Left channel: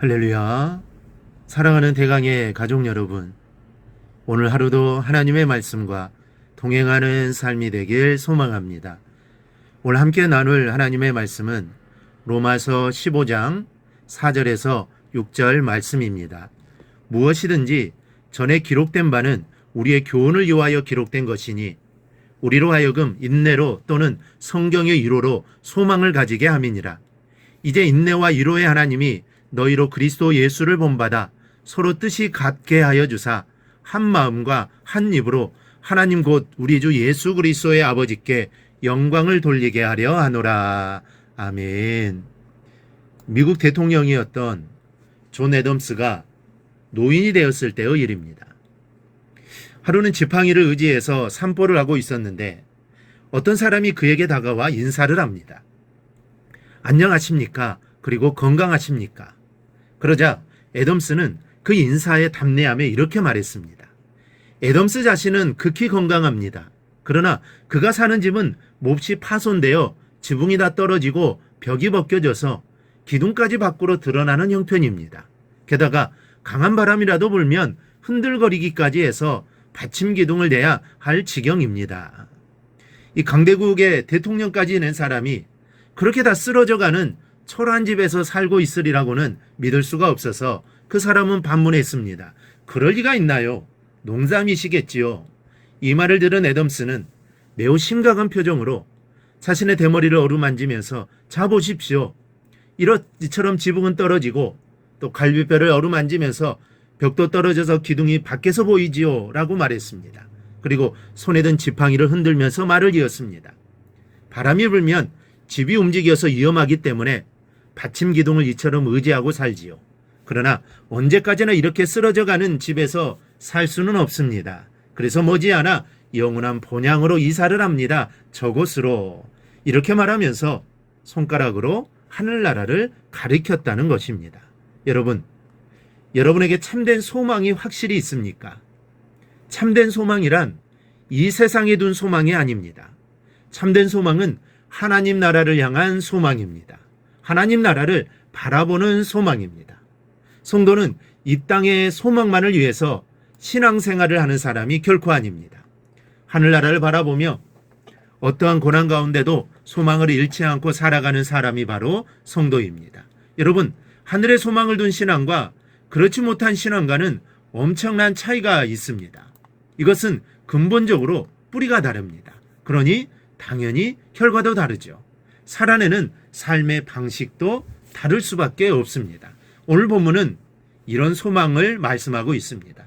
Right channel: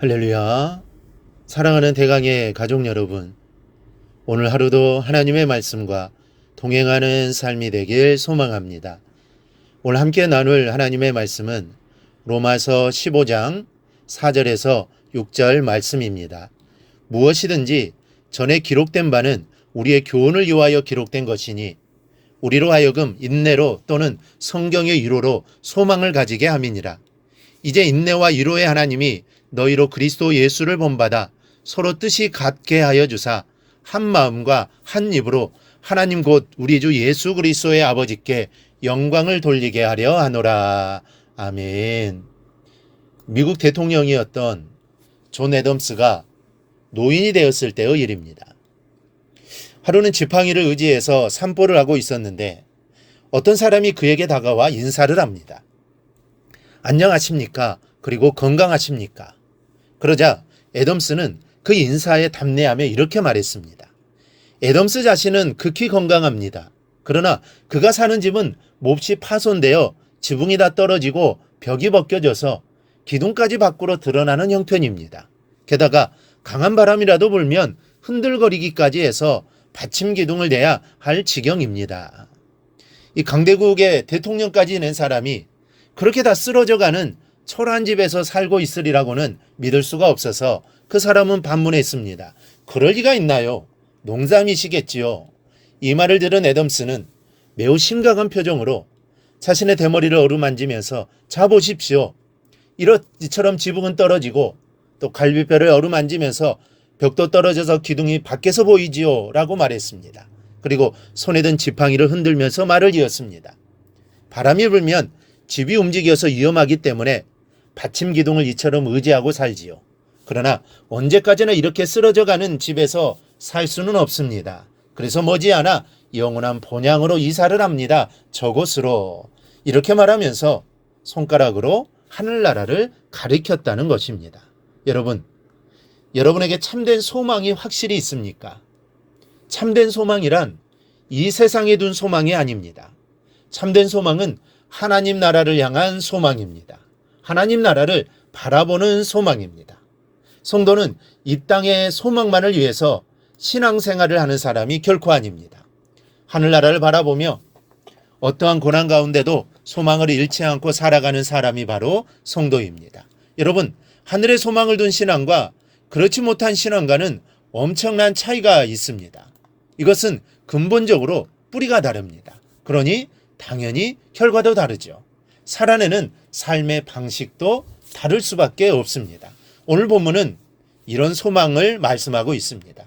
할렐루야. 사랑하는 대강의 가족 여러분, 오늘 하루도 하나님의 말씀과 동행하는 삶이 되길 소망합니다. 오늘 함께 나눌 하나님의 말씀은 로마서 15장 4절에서 6절 말씀입니다. 무엇이든지 전에 기록된 바는 우리의 교훈을 위하여 기록된 것이니 우리로 하여금 인내로 또는 성경의 위로로 소망을 가지게 함이니라. 이제 인내와 위로의 하나님이 너희로 그리스도 예수를 본받아 서로 뜻이 같게 하여 주사 한 마음과 한 입으로 하나님 곧 우리 주 예수 그리스도의 아버지께 영광을 돌리게 하려 하노라. 아멘. 미국 대통령이었던 존 애덤스가 노인이 되었을 때의 일입니다. 하루는 지팡이를 의지해서 산보를 하고 있었는데 어떤 사람이 그에게 다가와 인사를 합니다. 안녕하십니까? 그리고 건강하십니까? 그러자 애덤스는 그 인사에 답례하며 이렇게 말했습니다. 애덤스 자신은 극히 건강합니다. 그러나 그가 사는 집은 몹시 파손되어 지붕이 다 떨어지고 벽이 벗겨져서 기둥까지 밖으로 드러나는 형편입니다. 게다가 강한 바람이라도 불면 흔들거리기까지 해서 받침 기둥을 내야 할 지경입니다. 이 강대국의 대통령까지 지낸 사람이 그렇게 다 쓰러져가는 초라한 집에서 살고 있으리라고는 믿을 수가 없어서 그 사람은 반문했습니다. 그럴 리가 있나요? 농담이시겠지요. 이 말을 들은 애덤스는 매우 심각한 표정으로 자신의 대머리를 어루만지면서 자 보십시오. 이처럼 지붕은 떨어지고 또 갈비뼈를 어루만지면서 벽도 떨어져서 기둥이 밖에서 보이지요 라고 말했습니다. 그리고 손에 든 지팡이를 흔들면서 말을 이었습니다. 바람이 불면 집이 움직여서 위험하기 때문에 받침 기둥을 이처럼 의지하고 살지요. 그러나 언제까지나 이렇게 쓰러져가는 집에서 살 수는 없습니다. 그래서 머지않아 영원한 본향으로 이사를 합니다. 저곳으로. 이렇게 말하면서 손가락으로 하늘나라를 가리켰다는 것입니다. 여러분에게 참된 소망이 확실히 있습니까? 참된 소망이란 이 세상에 둔 소망이 아닙니다. 참된 소망은 하나님 나라를 향한 소망입니다. 하나님 나라를 바라보는 소망입니다. 성도는 이 땅의 소망만을 위해서 신앙생활을 하는 사람이 결코 아닙니다. 하늘나라를 바라보며 어떠한 고난 가운데도 소망을 잃지 않고 살아가는 사람이 바로 성도입니다. 여러분, 하늘에 소망을 둔 신앙과 그렇지 못한 신앙과는 엄청난 차이가 있습니다. 이것은 근본적으로 뿌리가 다릅니다. 그러니 당연히 결과도 다르죠. 살아내는 삶의 방식도 다를 수밖에 없습니다. 오늘 본문은 이런 소망을 말씀하고 있습니다.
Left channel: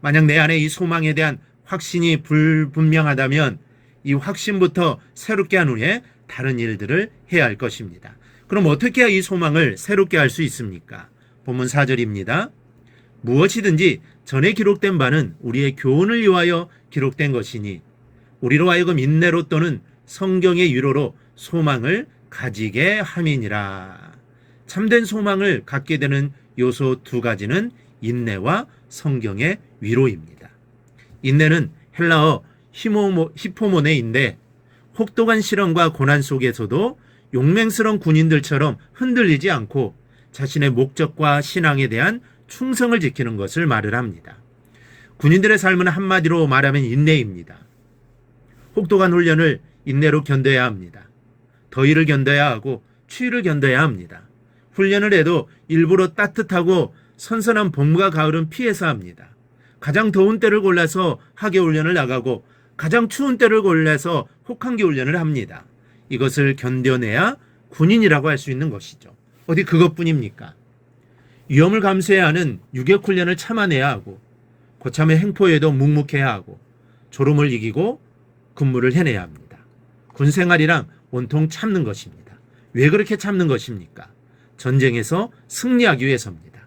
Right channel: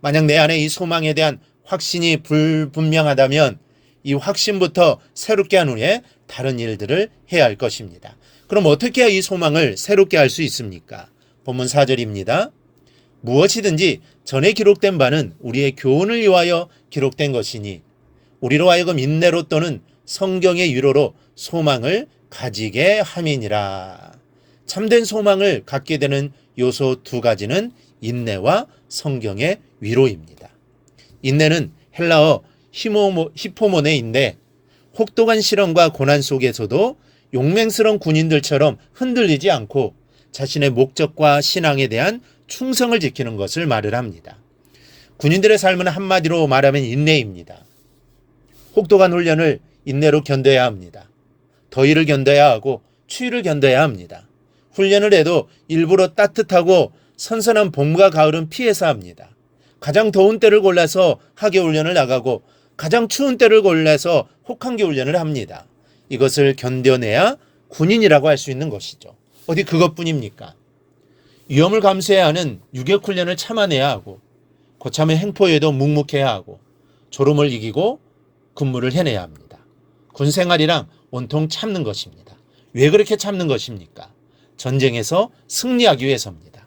만약 내 안에 이 소망에 대한 확신이 불분명하다면 이 확신부터 새롭게 한 후에 다른 일들을 해야 할 것입니다. 그럼 어떻게 해야 이 소망을 새롭게 할 수 있습니까? 본문 4절입니다. 무엇이든지 전에 기록된 바는 우리의 교훈을 위하여 기록된 것이니 우리로 하여금 인내로 또는 성경의 위로로 소망을 가지게 함이니라. 참된 소망을 갖게 되는 요소 두 가지는 인내와 성경의 위로입니다. 인내는 헬라어 히포모네인데 혹독한 시련과 고난 속에서도 용맹스러운 군인들처럼 흔들리지 않고 자신의 목적과 신앙에 대한 충성을 지키는 것을 말을 합니다. 군인들의 삶은 한마디로 말하면 인내입니다. 혹독한 훈련을 인내로 견뎌야 합니다. 더위를 견뎌야 하고 추위를 견뎌야 합니다. 훈련을 해도 일부러 따뜻하고 선선한 봄과 가을은 피해서 합니다. 가장 더운 때를 골라서 하계 훈련을 나가고 가장 추운 때를 골라서 혹한기 훈련을 합니다. 이것을 견뎌내야 군인이라고 할 수 있는 것이죠. 어디 그것뿐입니까? 위험을 감수해야 하는 유격 훈련을 참아내야 하고 고참의 행포에도 묵묵해야 하고 졸음을 이기고 근무를 해내야 합니다. 군 생활이랑 온통 참는 것입니다. 왜 그렇게 참는 것입니까? 전쟁에서 승리하기 위해서입니다.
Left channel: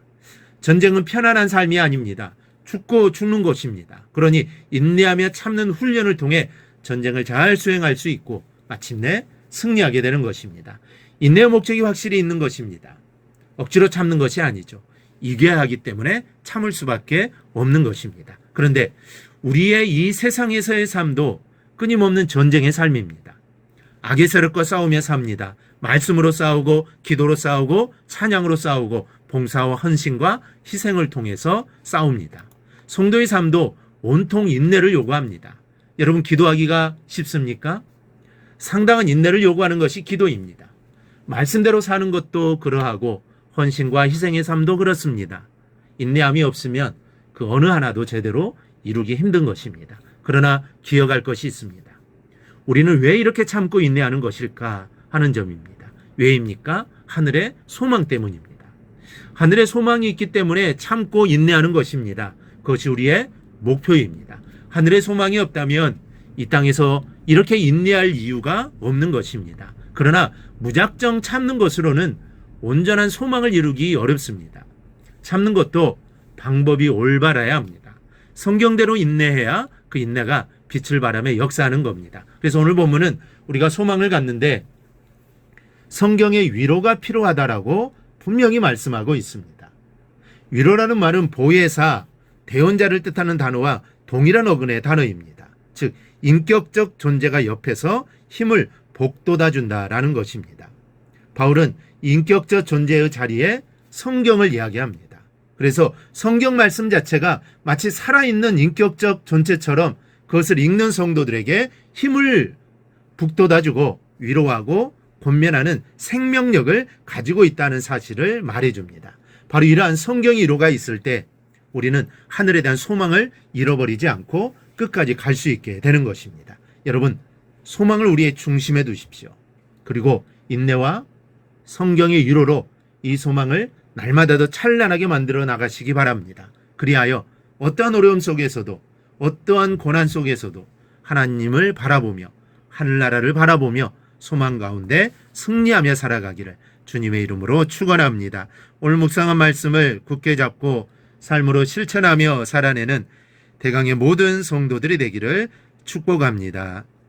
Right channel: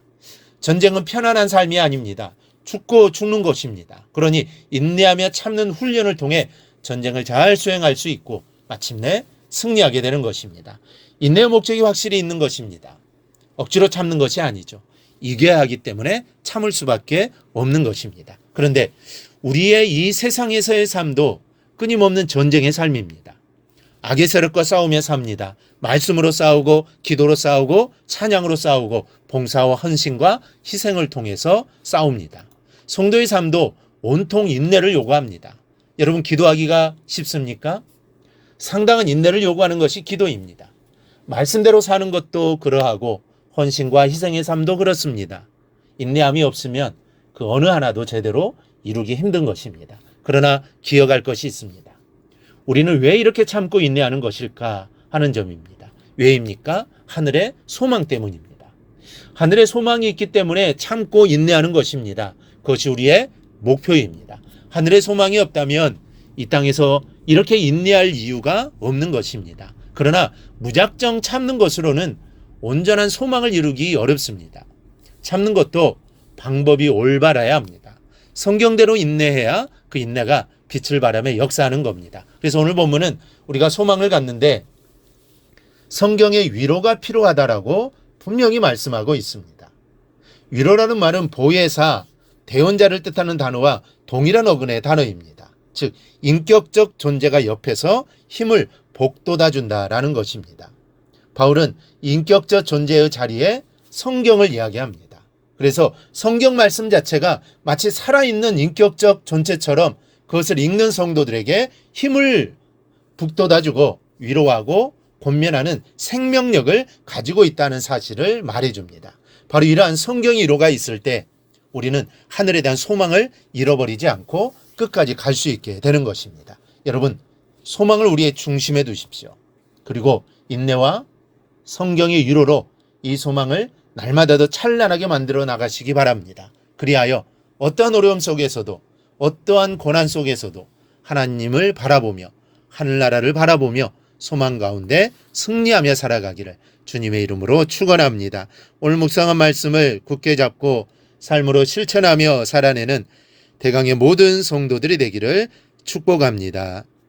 전쟁은 편안한 삶이 아닙니다. 죽고 죽는 것입니다. 그러니 인내하며 참는 훈련을 통해 전쟁을 잘 수행할 수 있고 마침내 승리하게 되는 것입니다. 인내의 목적이 확실히 있는 것입니다. 억지로 참는 것이 아니죠. 이겨야 하기 때문에 참을 수밖에 없는 것입니다. 그런데 우리의 이 세상에서의 삶도 끊임없는 전쟁의 삶입니다. 악의 세력과 싸우며 삽니다. 말씀으로 싸우고 기도로 싸우고 찬양으로 싸우고 봉사와 헌신과 희생을 통해서 싸웁니다. 성도의 삶도 온통 인내를 요구합니다. 여러분, 기도하기가 쉽습니까? 상당한 인내를 요구하는 것이 기도입니다. 말씀대로 사는 것도 그러하고 헌신과 희생의 삶도 그렇습니다. 인내함이 없으면 그 어느 하나도 제대로 이루기 힘든 것입니다. 그러나 기억할 것이 있습니다. 우리는 왜 이렇게 참고 인내하는 것일까 하는 점입니다. 왜입니까? 하늘의 소망 때문입니다. 하늘의 소망이 있기 때문에 참고 인내하는 것입니다. 그것이 우리의 목표입니다. 하늘의 소망이 없다면 이 땅에서 이렇게 인내할 이유가 없는 것입니다. 그러나 무작정 참는 것으로는 온전한 소망을 이루기 어렵습니다. 참는 것도 방법이 올바라야 합니다. 성경대로 인내해야 그 인내가 빛을 발하며 역사하는 겁니다. 그래서 오늘 본문은 우리가 소망을 갖는데 성경의 위로가 필요하다라고 분명히 말씀하고 있습니다. 위로라는 말은 보혜사, 대원자를 뜻하는 단어와 동일한 어근의 단어입니다. 즉 인격적 존재가 옆에서 힘을 복돋아준다라는 것입니다. 바울은 인격적 존재의 자리에 성경을 이야기합니다. 그래서 성경 말씀 자체가 마치 살아있는 인격적 존재처럼 그것을 읽는 성도들에게 힘을 북돋아주고 위로하고 권면하는 생명력을 가지고 있다는 사실을 말해줍니다. 바로 이러한 성경의 위로가 있을 때 우리는 하늘에 대한 소망을 잃어버리지 않고 끝까지 갈 수 있게 되는 것입니다. 여러분, 소망을 우리의 중심에 두십시오. 그리고 인내와 성경의 위로로 이 소망을 날마다 더 찬란하게 만들어 나가시기 바랍니다. 그리하여 어떠한 어려움 속에서도 어떠한 고난 속에서도 하나님을 바라보며 하늘나라를 바라보며 소망 가운데 승리하며 살아가기를 주님의 이름으로 축원합니다. 오늘 묵상한 말씀을 굳게 잡고 삶으로 실천하며 살아내는 대강의 모든 성도들이 되기를 축복합니다.